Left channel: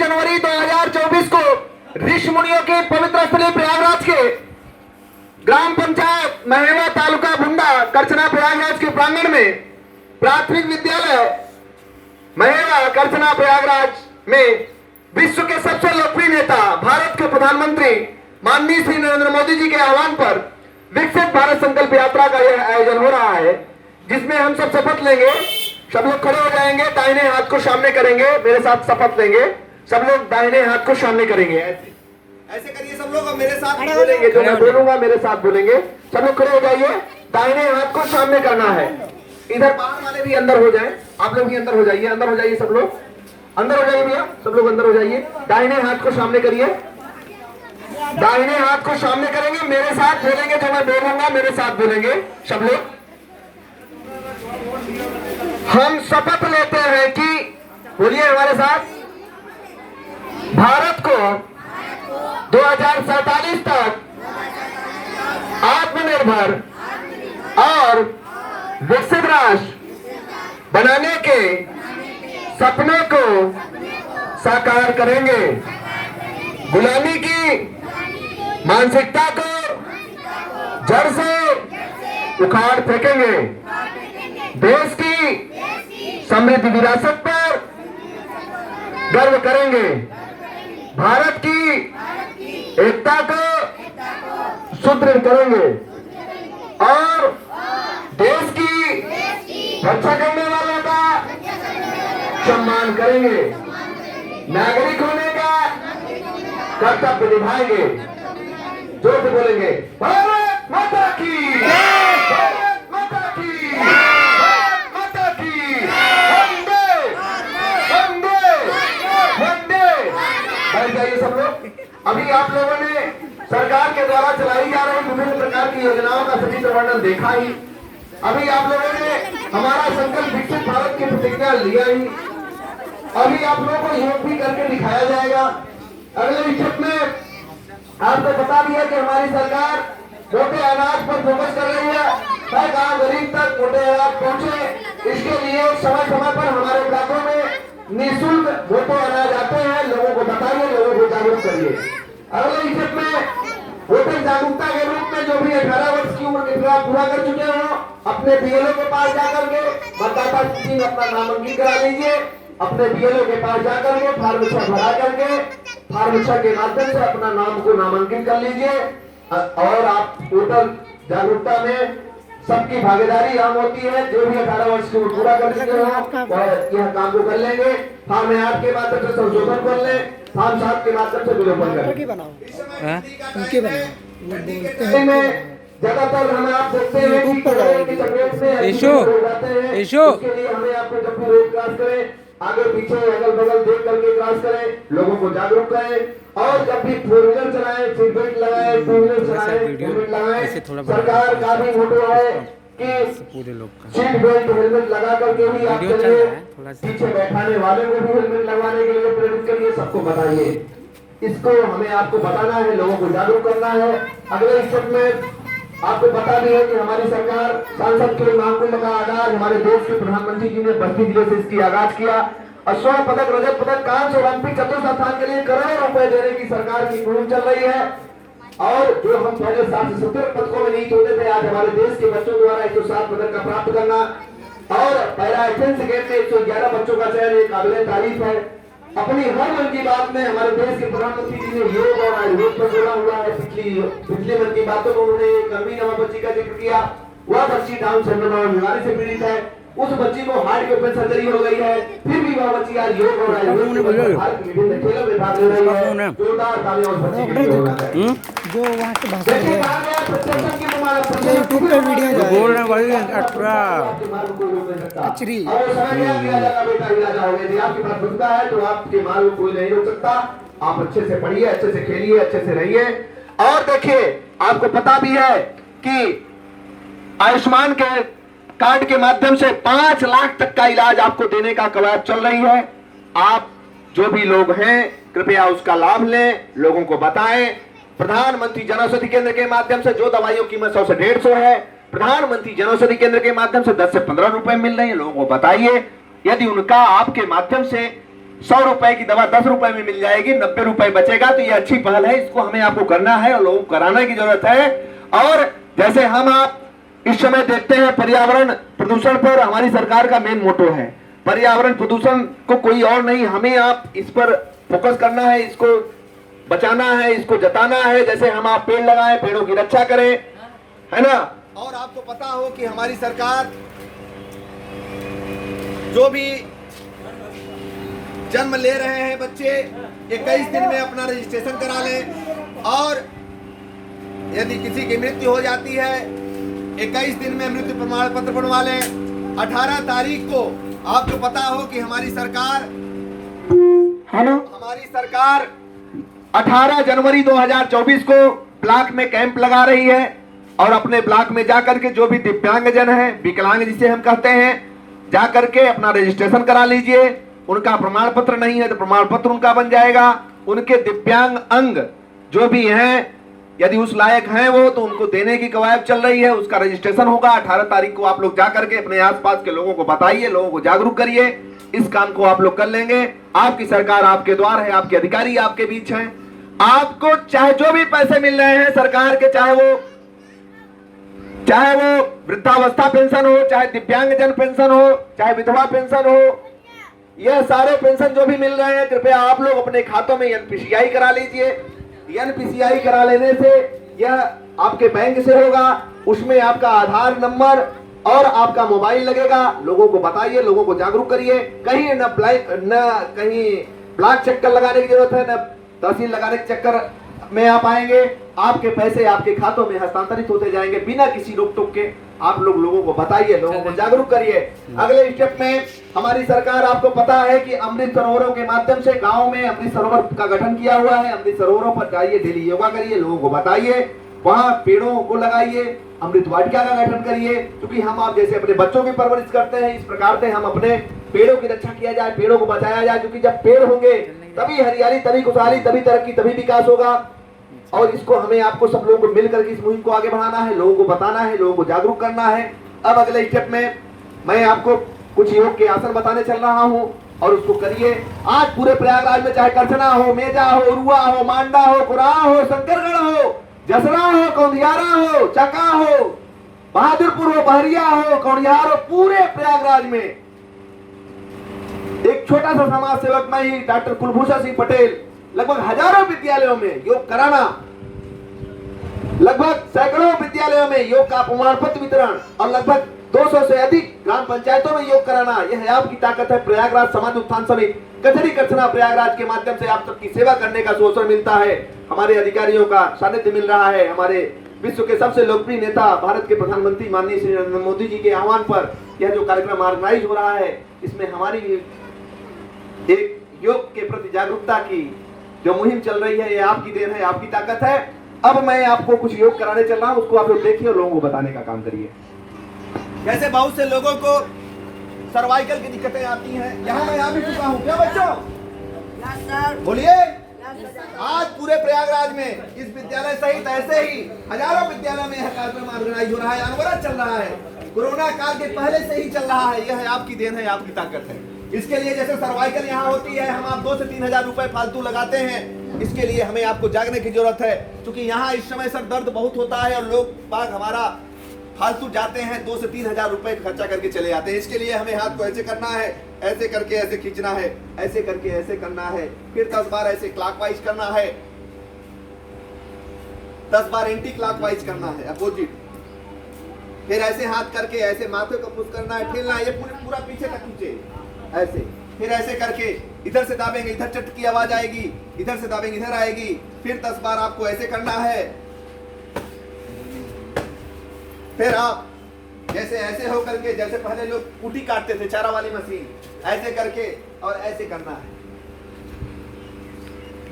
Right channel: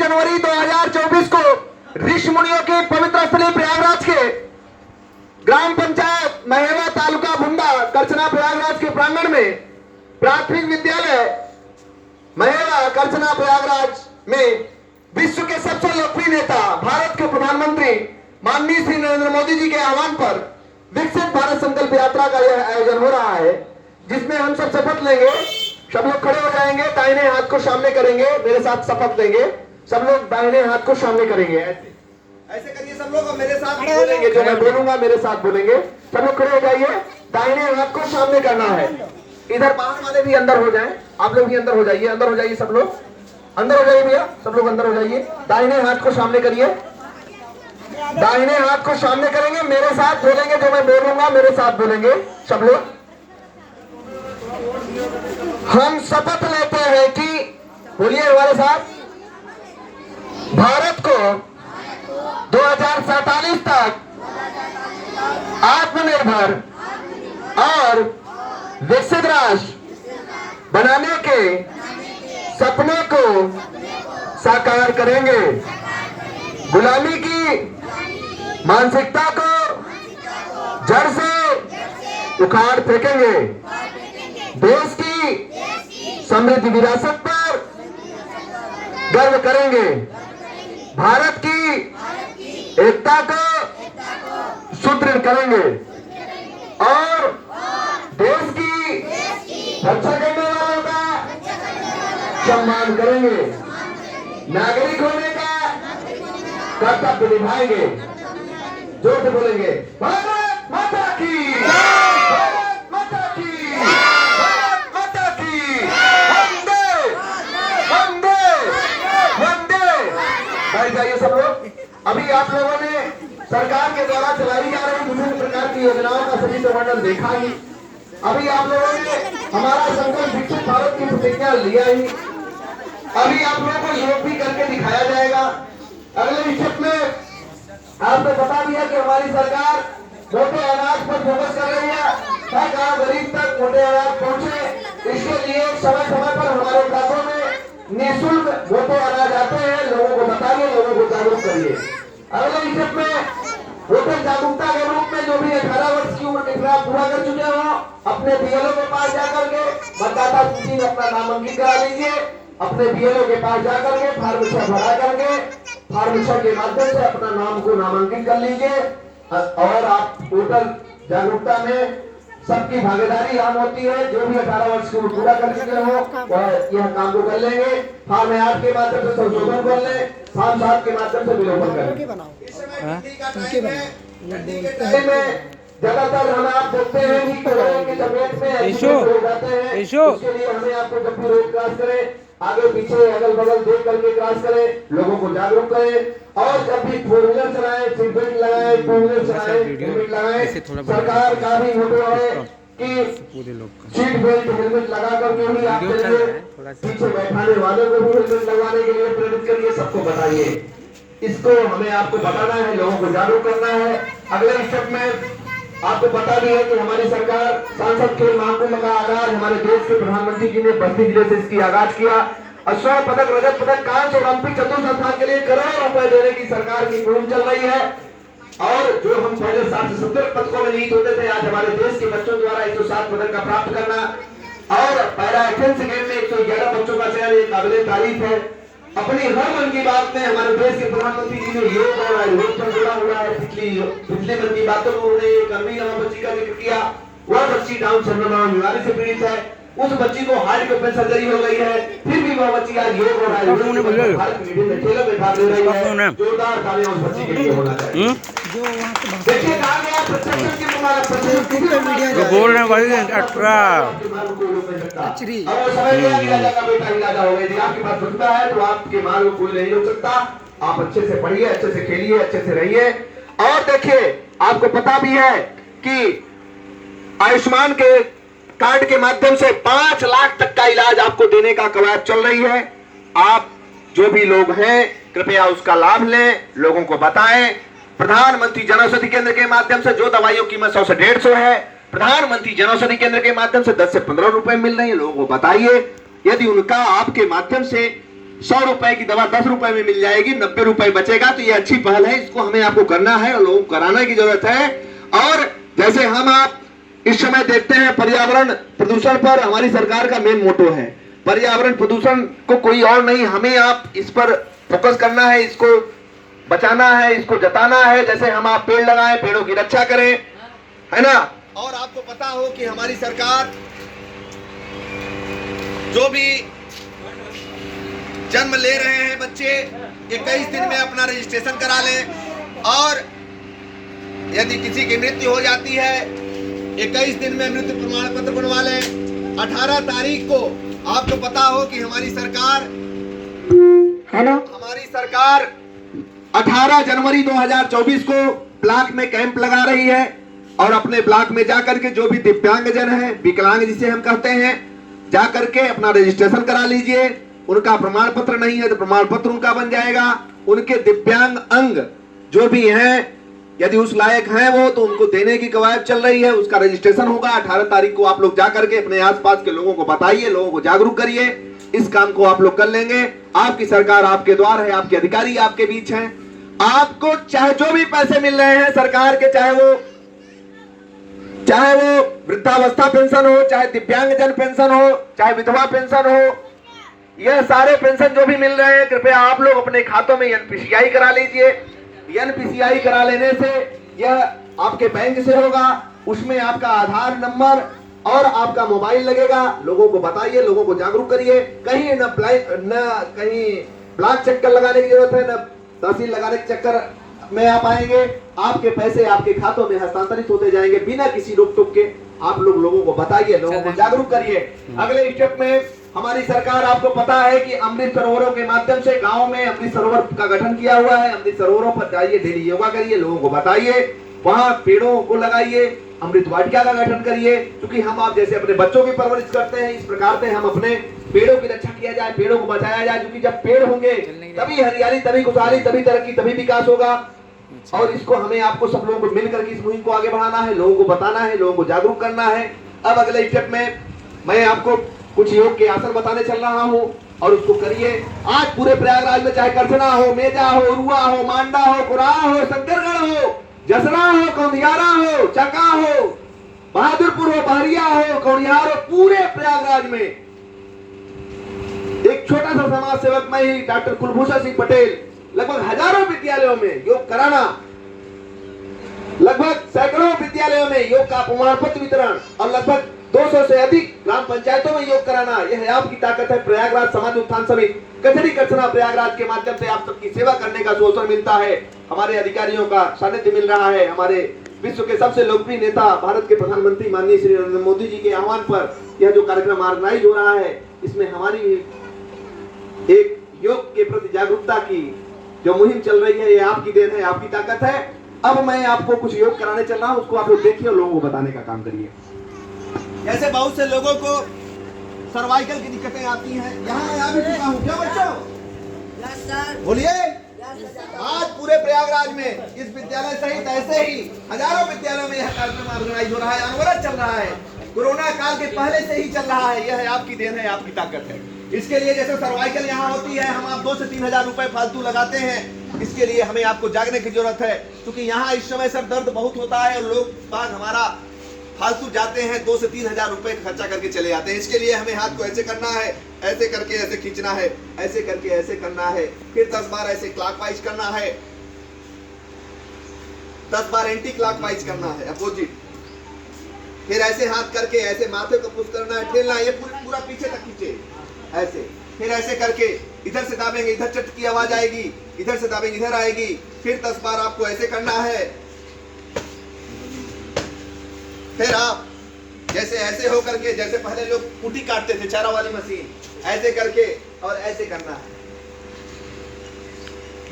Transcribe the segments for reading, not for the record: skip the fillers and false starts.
जनवरी 2024 को ऋषि मुनियों के पवित्र स्थली प्रयागराज के ग्राम पंचायत महेवा तालुका भुंडा करछना प्रयागराज के प्रांगण में प्राथमिक विद्यालय महेवा करछना प्रयागराज में विश्व के सबसे लोकप्रिय नेता भारत के प्रधानमंत्री माननीय श्री नरेंद्र मोदी जी के आह्वान पर विकसित भारत संकल्प यात्रा का यह आयोजन हो रहा है, जिसमें हम सब शपथ लेंगे। सब लोग खड़े हो जाएंगे, दाहिने हाथ को सामने करेंगे, मेरे साथ शपथ लेंगे। सब लोग दाहिने हाथ को सामने करेंगे, ऐसे करिए सब लोग, मेरे साथ बोलेंगे, जो मैं बोलूंगा मेरे साथ बोलेंगे। सब लोग खड़े हो जाइए, दाहिने हाथ को सामने करना है। इधर बाहर वाले भी अंदर हो जाएं, आप लोग भी अंदर हो जाइए, अंदर हो जाइए, सब लोग अंदर हो जाइए भैया, सब लोग अंदर हो जाइए। दाहिने हाथ को सामने करिए, दाहिने हाथ को सामने करेंगे, मेरे साथ बोलेंगे, जो मैं बोलूंगा मेरे साथ बोलेंगे सब लोग। हम शपथ लेते हैं कि, बोलिए हमारे साथ, भारत को 2047 तक आत्मनिर्भर और विकसित राष्ट्र बनाने के सपने को साकार करेंगे। गुलामी की मानसिकता को जड़ से उखाड़ फेंकेंगे। देश की समृद्ध विरासत पर गर्व करेंगे। भारत की एकता को सुदृढ़ करेंगे और देश की रक्षा करने वालों का सम्मान करेंगे। नागरिक होने का कर्तव्य निभाएंगे। जोर से बोलेंगे, भारत माता की, भारत माता की, भारत माता की, वंदे वंदे वंदे। बैठ जाइए सब लोग। अभी आप लोगों ने सरकार के द्वारा चलाई जा रही विभिन्न प्रकार की योजनाओं का सभी का वर्णन देखा ही। अभी आप लोगों ने हमारा संकल्प विकसित भारत की प्रतिज्ञा लिया ही। अभी आप लोगों को योग भी करके दिखाया जाएगा। अगले विषय में आपको बता दिया कि हमारी सरकार मोटे अनाज पर फोकस कर रही है। हर गांव गरीब तक मोटे अनाज पहुंचे, इसके लिए समय समय पर हमारे इलाकों में निःशुल्क मोटे अनाज आते हैं। लोगों को बताइए, लोगों को जागरूक करिए। अगले विषय में वोटर जागरूकता के रूप में जो भी 18 वर्ष की उम्र के खिलाफ पूरा कर चुके हो, अपने बीएलओ के पास जाकर के मतदाता सूची में अपना नामांकन करा लीजिए। अपने बीएलओ के पास जाकर के फॉर्म 6 भरा करके फॉर्म 6 के माध्यम से अपना नाम को नामांकन कर लीजिए। और आप वोटर जागरूकता में सबकी भागीदारी आम होती है। जो भी 18 वर्ष की उम्र पूरा कर चुके हो वह यह काम को कर लेंगे। फॉर्म 8 के माध्यम से संशोधन कर ले, फॉर्म 7 के माध्यम से विलोपन करें। ज्यादातर हम आप देखते हैं कि कोरोना की तबीयत में उसके लिए हमें आपको जब भी रोड क्रॉस करें, आगे पीछे अगल बगल देख करके क्रॉस करें, लोगों को जागरूक करें। और जब भी 4 व्हीलर चलाएं, सीट बेल्ट लगाएं, 2 व्हीलर चलाएं, हेलमेट लगाएं। सरकार का भी मोटो है कि पूरे लोग का सीट बेल्ट हेलमेट लगा करके ही आप चलिए। पीछे बैठाने वाले को भी हेलमेट लगाने के लिए प्रेरित करिए, सबको बताइए। इसको हमें आपको बताना है, लोगों को जागरूक करना है। अगले स्टेप में आपको पता भी है कि हमारी सरकार सांसद के महाकुंभ का आगाज हमारे देश के प्रधानमंत्री जी ने बस्ती जिले से इसकी आगाज किया। स्वर्ण पदक, रजत पदक, कांस्य, ओलंपिक चतुर्थ स्थान के लिए करोड़ों रुपए देने की सरकार की मुहिम चल रही है। और जो हम पहले 770 पदकों में जीत होते थे, आज हमारे देश के बच्चों द्वारा 107 पदक का प्राप्त करना और पैरा एथेंस गेम में 111 बच्चों का चयन एक काबिले तारीफ है। अपनी हर मन की बात में हमारे देश के प्रधानमंत्री जी ने योग और आयुर्वेद से जुड़ा हुआ है। पिछले मन की बातों में उन्होंने एक अमीर बच्ची का जिक्र किया। वह बच्ची डाउन सिंड्रोम बीमारी से पीड़ित है। उस बच्ची को हार्ट के ओपन सर्जरी हो गई है, फिर भी वह बच्ची आज योग और आयुर्वेद विभिन्न खेलों में भाग ले रही है। जोरदार तालियां उस बच्ची के लिए होना चाहिए। जो वहाँ से देखिए प्रशासन की जो बोल रहे हैं वही 18 कचरी और समय में इलाजा बेटा इलाजा हो गई। आपके पास सुविधा है तो आपके माल को कोई नहीं रोक सकता। आप अच्छे से पढ़िए, अच्छे से खेलिए, अच्छे से रहिए। और देखिए, आपको पता भी है कि आयुष्मान के कार्ड के माध्यम से 5 लाख तक का इलाज आपको देने का कवायद चल रही है। आप जो भी लोग हैं कृपया उसका लाभ लें, लोगों को बताएं। प्रधानमंत्री जन औषधि केंद्र के माध्यम से जो दवाइयों की कीमत 100 से 150 है, प्रधानमंत्री जन औषधि केंद्र के माध्यम से 10 से 15 रुपए मिल रहे हैं। लोगों को बताइए, यदि उनका आपके माध्यम से 100 रुपए की दवा 10 रुपए में मिल जाएगी, 90 रुपए बचेगा। तो ये अच्छी पहल है, इसको हमें आपको करना है और लोगों को कराने की जरूरत है। और जैसे हम आप इस समय देखते हैं पर्यावरण प्रदूषण पर हमारी सरकार का मेन मोटो है, पर्यावरण प्रदूषण को कोई और नहीं, हमें आप इस पर फोकस करना है, इसको बचाना है, इसको जताना है। जैसे हम आप पेड़ लगाएं, पेड़ों की रक्षा करें, है ना। और आपको पता हो कि हमारी सरकार जो भी जन्म ले रहे हैं बच्चे 21 दिन में अपना रजिस्ट्रेशन करा लें, और यदि किसी की मृत्यु हो जाती है 21 दिन में मृत्यु प्रमाण पत्र बनवा लें। 18 तारीख को आपको पता हो कि हमारी सरकार 18 जनवरी 2024 को ब्लॉक में कैंप लगा रही है, और अपने ब्लॉक में जाकर के जो भी दिव्यांगजन है, विकलांग जिसे हम कहते हैं, जाकर के अपना रजिस्ट्रेशन करा लीजिए। उनका प्रमाण पत्र नहीं है तो प्रमाण पत्र उनका बन जाएगा। उनके दिव्यांग अंग जो भी हैं, यदि उस लायक हैं वो, तो उनको देने की कवायद चल रही है, उसका रजिस्ट्रेशन होगा। 18 तारीख को आप लोग जाकर के अपने आसपास के लोगों को बताइए, लोगों को जागरूक करिए। इस काम को आप लोग कर लेंगे। आपकी सरकार आपके द्वार है, आपके अधिकारी आपके बीच हैं। आपको चाहे जो भी पैसे मिल रहे हैं सरकार के, चाहे वो वृद्धावस्था पेंशन हो, चाहे दिव्यांगजन पेंशन हो, चाहे विधवा पेंशन हो, यह सारे पेंशन जो भी मिल रहे हैं, कृपया आप लोग अपने खातों में एनपीसीआई करा लीजिए। एनपीसीआई करा लेने से यह आपके बैंक से होगा, उसमें आपका आधार नंबर और आपका मोबाइल लगेगा। लोगों को बताइए, लोगों को जागरूक करिए। कहीं न कहीं ब्लॉक चक्कर लगाने की जरूरत है, न तहसील लगाने के चक्कर में आप आएंगे। आपके पैसे आपके खातों में हस्तांतरित होते जाएंगे बिना किसी रोक टोक के। आप लोगों को बताइए, लोगों को जागरूक करिए। अगले स्टेप में हमारी सरकार, आपको पता है कि अमृत सरोवरों के माध्यम से गांव में अमृत सरोवर का गठन किया हुआ है। अमृत सरोवरों पर जाइए, डेली योगा करिए, लोगों को बताइए, वहां पेड़ों को लगाइए, अमृत वाटिका का गठन करिए। क्योंकि हम आप जैसे अपने बच्चों की परवरिश करते हैं, इस प्रकार से हम अपने पेड़ों की रक्षा किया जाए, पेड़ों को बचाया जाए। क्योंकि जब पेड़ होंगे तभी हरियाली, तभी खुशहाली, तभी तरक्की, तभी विकास होगा। और इसको हमें आपको सब लोगों को मिलकर के इस मुहिम को आगे बढ़ाना है, लोगों को बताना है, लोगों को जागरूक करना है। अब अगले स्टेप में मैं आपको कुछ योग के आसन बताने चल रहा हूं, और उसको करिए। आज पूरे प्रयागराज में चाहे करछना हो, मेजा हो, रुआ हो, मांडा हो, कुराह हो, शंकरगढ़ हो, जसरा हो, कौंधियारा हो, चका हो, बहादुरपुर हो, बहरिया हो, कौनिहार हो, पूरे प्रयागराज में एक छोटा सा समाज सेवक मैं ही, डॉक्टर कुलभूषण सिंह पटेल, लगभग हजारों विद्यालयों में योग कराना, लगभग सैकड़ों विद्यालयों में योग का प्रमाण पत्र वितरण, और लगभग 200 से अधिक ग्राम पंचायतों में योग कराना, यह आपकी ताकत है। प्रयागराज समाज उत्थान समिति कचरी करछना प्रयागराज के माध्यम से आप सबकी सेवा करने का अवसर मिलता है। हमारे अधिकारियों का सानिध्य मिल रहा है। हमारे विश्व के सबसे लोकप्रिय नेता, भारत के प्रधानमंत्री माननीय श्री नरेंद्र मोदी जी के आह्वान पर यह जो कार्यक्रम ऑर्गेनाइज हो रहा है, इसमें हमारी एक योग के प्रति जागरूकता की जो मुहिम चल रही है, ये आपकी देन है, आपकी ताकत है। अब मैं आपको कुछ योग कराने चल रहा हूं, उसको आप लोग देखिए और लोगों को बताने का काम करिए। जैसे बहुत से लोगों को सर्वाइकल की दिक्कतें आती हैं, यहाँ मैं आ भी चुका हूँ। क्या बच्चों बोलिए। आज पूरे प्रयागराज में इस विद्यालय सहित ऐसे ही हजारों विद्यालयों में यह कार्यक्रम ऑर्गेनाइज हो रहा है, अनवरत चल रहा है, कोरोना काल के पहले से ही चल रहा है। यह आपकी देन है, आपकी ताकत है। इसके लिए जैसे सर्वाइकल यहाँ होती है, हम आप 2 से 3 हजार रुपए फालतू लगाते हैं। इसके लिए हमें आपको जागने की जरूरत है, क्योंकि यहाँ इस समय सर दर्द बहुत होता है और लोग बाग हमारा फालतू जाते हैं, 2 से 3 हजार रुपए खर्चा करके चले जाते हैं। इसके लिए हमें हाथ को ऐसे करना है, ऐसे करके ऐसे खींचना है, ऐसे करके ऐसे करना है, फिर 10 बार ऐसे क्लॉकवाइज करना है, 10 बार एंटी क्लॉकवाइज करना है, अपोजिट। फिर ऐसे हाथ करके ऐसे माथे को पुश करना है, ठेलना है, ये पूरा पीछे तक खींचे ऐसे। फिर ऐसे करके इधर से दाबेंगे, इधर चट की आवाज आएगी, इधर से दाबेंगे, इधर आएगी। फिर 10 बार आपको ऐसे करना है। फिर आप जैसे ऐसे हो करके, जैसे पहले लोग कुटी काटते थे चारा वाली मशीन, ऐसे करके और ऐसे करना है,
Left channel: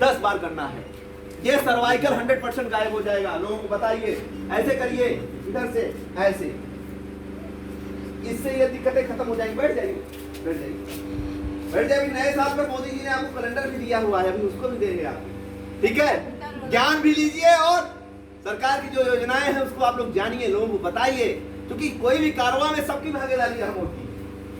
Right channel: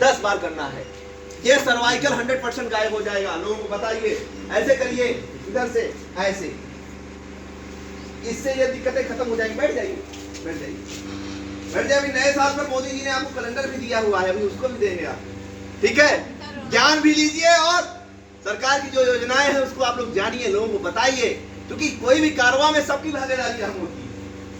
10 बार करना है। ये सर्वाइकल 100% गायब हो जाएगा। लोगों को बताइए, ऐसे करिए, इधर से ऐसे, इससे ये दिक्कतें खत्म हो जाएंगी। बैठ जाइए, बैठ जाइए, बैठ जाइए। नए साल में मोदी जी ने आपको कैलेंडर भी दिया हुआ है, अभी उसको भी देंगे आप, ठीक है। ज्ञान भी लीजिए और सरकार की जो योजनाएं हैं उसको आप लोग जानिए, लोगों को बताइए। क्योंकि कोई भी कारवां में सबकी भागीदारी हम होती है,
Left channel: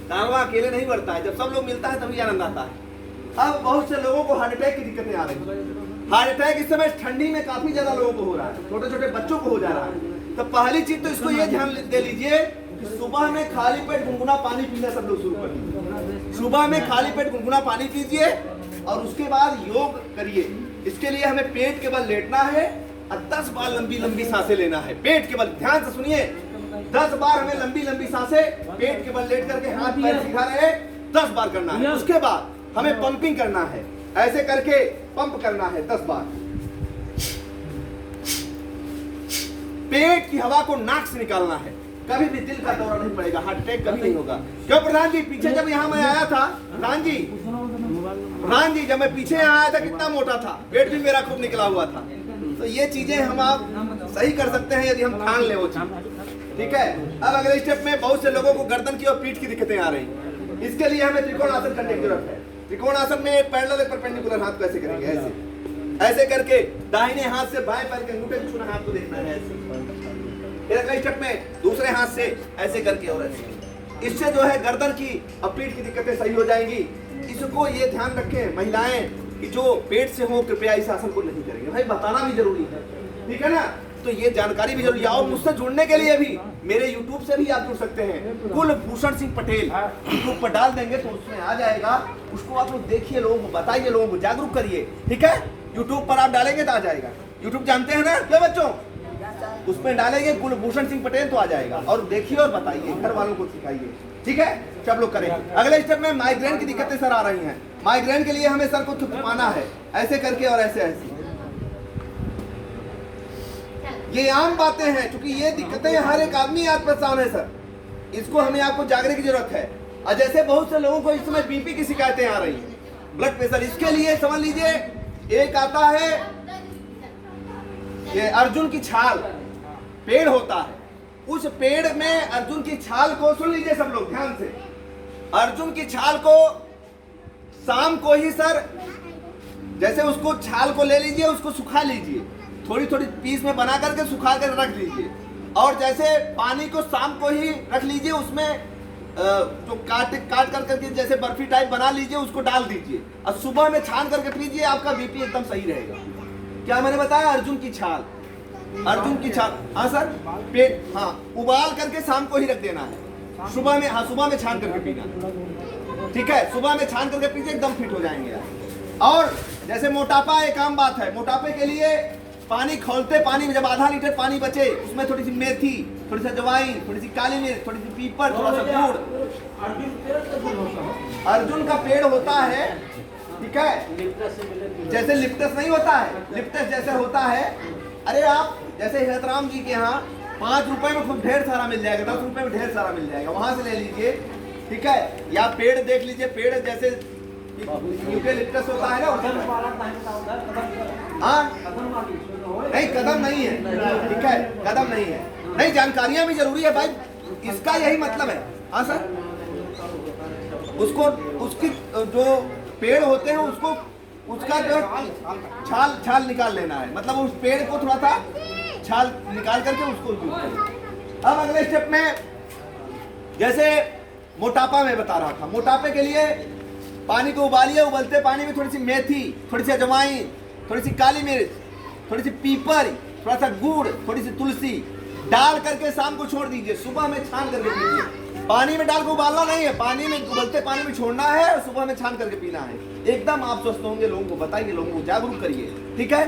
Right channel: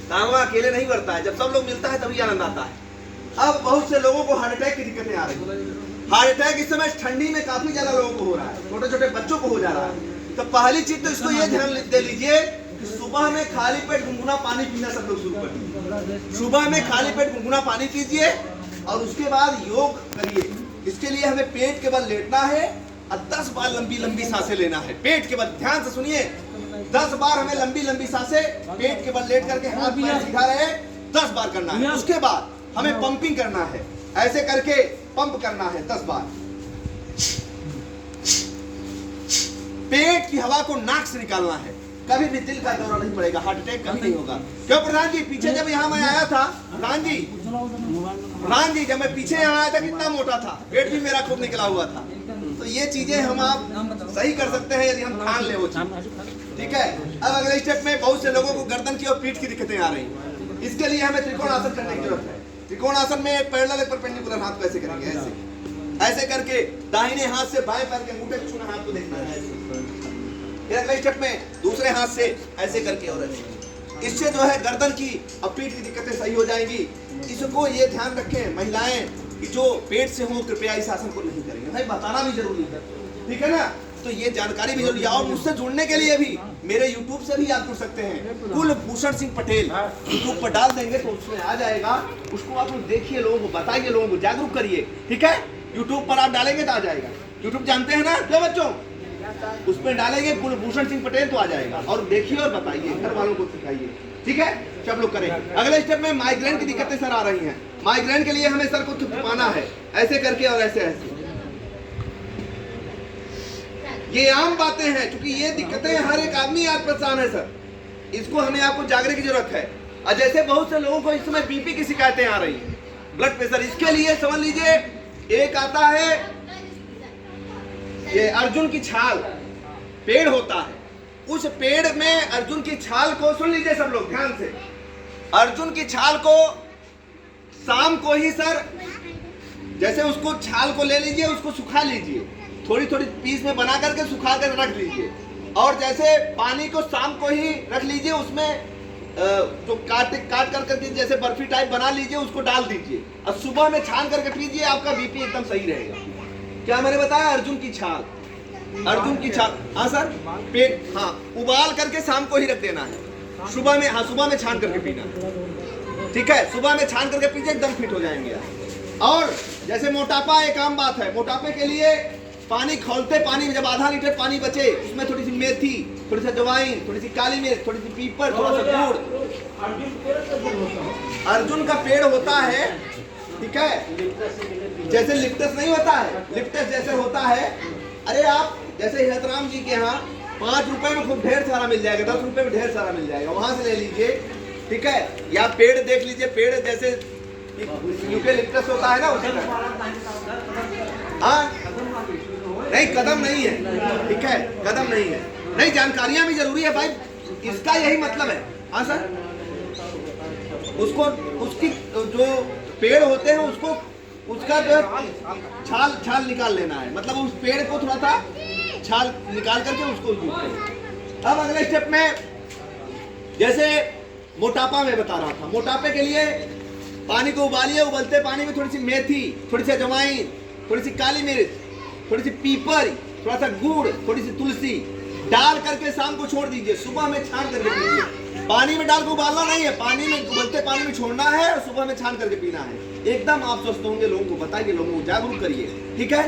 कारवां अकेले नहीं बढ़ता है। जब सब लोग मिलता है तभी आनंद आता है। अब बहुत से लोगों को हार्ट अटैक की दिक्कतें आ रही हैं। हार्ट अटैक इस समय ठंडी में काफी ज्यादा लोगों को हो रहा है, छोटे छोटे बच्चों को हो जा रहा है। तो पहली चीज तो इसको ये ध्यान दे लीजिए कि सुबह में खाली पेट गुनगुना पानी पीना सब लोग शुरू करें। सुबह में खाली पेट गुनगुना पानी पीजिए और उसके बाद योग करिए। इसके लिए हमें पेट के बल लेटना है और 10 बार लंबी लंबी सांसें लेना है। पेट के बल, ध्यान से सुनिए, 10 बार हमें लंबी लंबी सांसें पेट के बल लेट करके हाथ पैर सीधा रहे 10 बार करना है। उसके बाद हमें पंपिंग करना है, ऐसे करके पंप करना है 10 बार। पेट की हवा को नाक से निकालना है, कभी भी दिल का दौरा नहीं पड़ेगा, हार्ट अटैक कभी नहीं होगा। क्यों प्रधान जी, पीछे जब यहाँ मैं आया था, प्रधान जी जब मैं पीछे यहाँ आया था कितना मोटा था, पेट भी मेरा खूब निकला हुआ था। तो ये चीजें हम आप सही कर सकते हैं यदि हम ठान ले वो चीज, ठीक है। अब अगले स्टेप में बहुत से लोगों को गर्दन की और पीठ की दिक्कतें आ रही हैं। इसके लिए हमें त्रिकोण आसन करने की जरूरत है। त्रिकोण आसन में पैरेलल एक परपेंडिकुलर हाथ को ऐसे करेंगे, ऐसे ऐसे करके दाहिने हाथ से बाएं पैर के अंगूठे के छूना हाथ को देखना है ऐसे। फिर अगले स्टेप में दूसरे हाथ से ऐसे करके और ऐसे। इससे जो है गर्दन की और पीठ की दिक्कतें सही हो जाएंगी। इसको ये ध्यान रखें महिलाएं कि जो पेट से हो कृपया इस आसन को नहीं करेंगे। भाई बताना भी जरूरी है, ठीक है ना। तो ये जानकारी भी जरूरी है। और मुझसे जुड़ने के लिए भी मेरे YouTube से भी आप जुड़ सकते हैं। कुलभूषण सिंह पटेल YouTube पर डाल देंगे तो उसमें आ जाएगा। उसको आप लोग देखिए, लोगों को बताइए, लोगों को जागरूक करिए, ठीक है। YouTube पर आप डालेंगे तो आ जाएगा। YouTube जानते हैं ना क्या बच्चों, उसमें डालेंगे कुलभूषण सिंह पटेल तो आ जाएगा। और देखिए और बताइए, घर वालों को सिखाइए, ठीक है। सब लोग करें। अगले स्टेप में माइग्रेन की दिक्कतें सर आ रही हैं। माइग्रेन के लिए हमें सर को थपथपाना है, ऐसे करके और ऐसे ऐसे। ये आम बातें हैं, क्योंकि ये दिक्कतें हर एक आदमी आज परेशान है सर। इसको हमें आपको जागने की जरूरत है। और जैसे बहुत से लोगों को इस समय बीपी की शिकायतें आ रही हैं, ब्लड प्रेशर, इसके लिए समझ लीजिए एक आता है ये अर्जुन की छाल, पेड़ होता है, उस पेड़ में अर्जुन की छाल को, सुन लीजिए सब लोग ध्यान से, अर्जुन की छाल को शाम को ही सर, जैसे उसको छाल को ले लीजिए, उसको सुखा लीजिए, थोड़ी थोड़ी पीस में बना करके सुखा कर रख लीजिए। और जैसे पानी को शाम को ही रख लीजिए, उसमें जो काट कर करके जैसे बर्फी टाइप बना लीजिए, उसको डाल दीजिए और सुबह में छान करके पीजिए, आपका बीपी एकदम सही रहेगा। क्या मैंने बताया, अर्जुन की छाल, अर्जुन की छाल, हाँ सर, पेट, हाँ, उबाल करके शाम को ही रख देना है, सुबह में, हाँ सुबह में छान करके पीना है, ठीक है। सुबह में छान करके पीजिए, एकदम फिट हो जाएंगे। और जैसे मोटापा एक आम बात है, मोटापे के लिए पानी खौलते पानी में जब आधा लीटर पानी बचे, उसमें थोड़ी सी मेथी, थोड़ी सी अजवाइन, थोड़ी सी काली मिर्च, थोड़ी सी पीपर, थोड़ा सा गुड़। अर्जुन का पेड़ होता है, ठीक है, जैसे लिप्टस नहीं होता है, लिप्टस जैसे होता है। अरे आप जैसे हेतराम जी के यहाँ 5 रुपए में खूब ढेर सारा मिल जाएगा, 10 रुपए में ढेर सारा मिल जाएगा, वहां से ले लीजिए, ठीक है। या पेड़ देख लीजिए, पेड़ जैसे यूकेलिप्टस होता है ना, उसी हाँ, नहीं कदम नहीं है, ठीक है, कदम नहीं है। नहीं, जानकारियां भी जरूरी है भाई, इसका यही मतलब है। हाँ सर, उसको, उसकी जो पेड़ होते हैं उसको, उसका जो छाल निकाल लेना है, मतलब उस पेड़ को थोड़ा सा छाल निकाल करके उसको यूज करें। अब अगले स्टेप में, जैसे मोटापा में बता रहा था, मोटापे के लिए पानी को उबालिए, उबलते पानी में थोड़ी सी मेथी, थोड़ी सी अजवाइन, थोड़ी सी काली मिर्च, थोड़ी सी पीपर, थोड़ा सा गुड़, थोड़ी सी तुलसी डाल करके शाम को छोड़ दीजिए, सुबह में छान करके पीजिए। पानी में डाल के उबालना नहीं है, पानी में, उबलते पानी में छोड़ना है और सुबह में छान करके पीना है। एकदम आप स्वस्थ होंगे। लोगों को बताइए, लोगों को जागरूक करिए, ठीक है।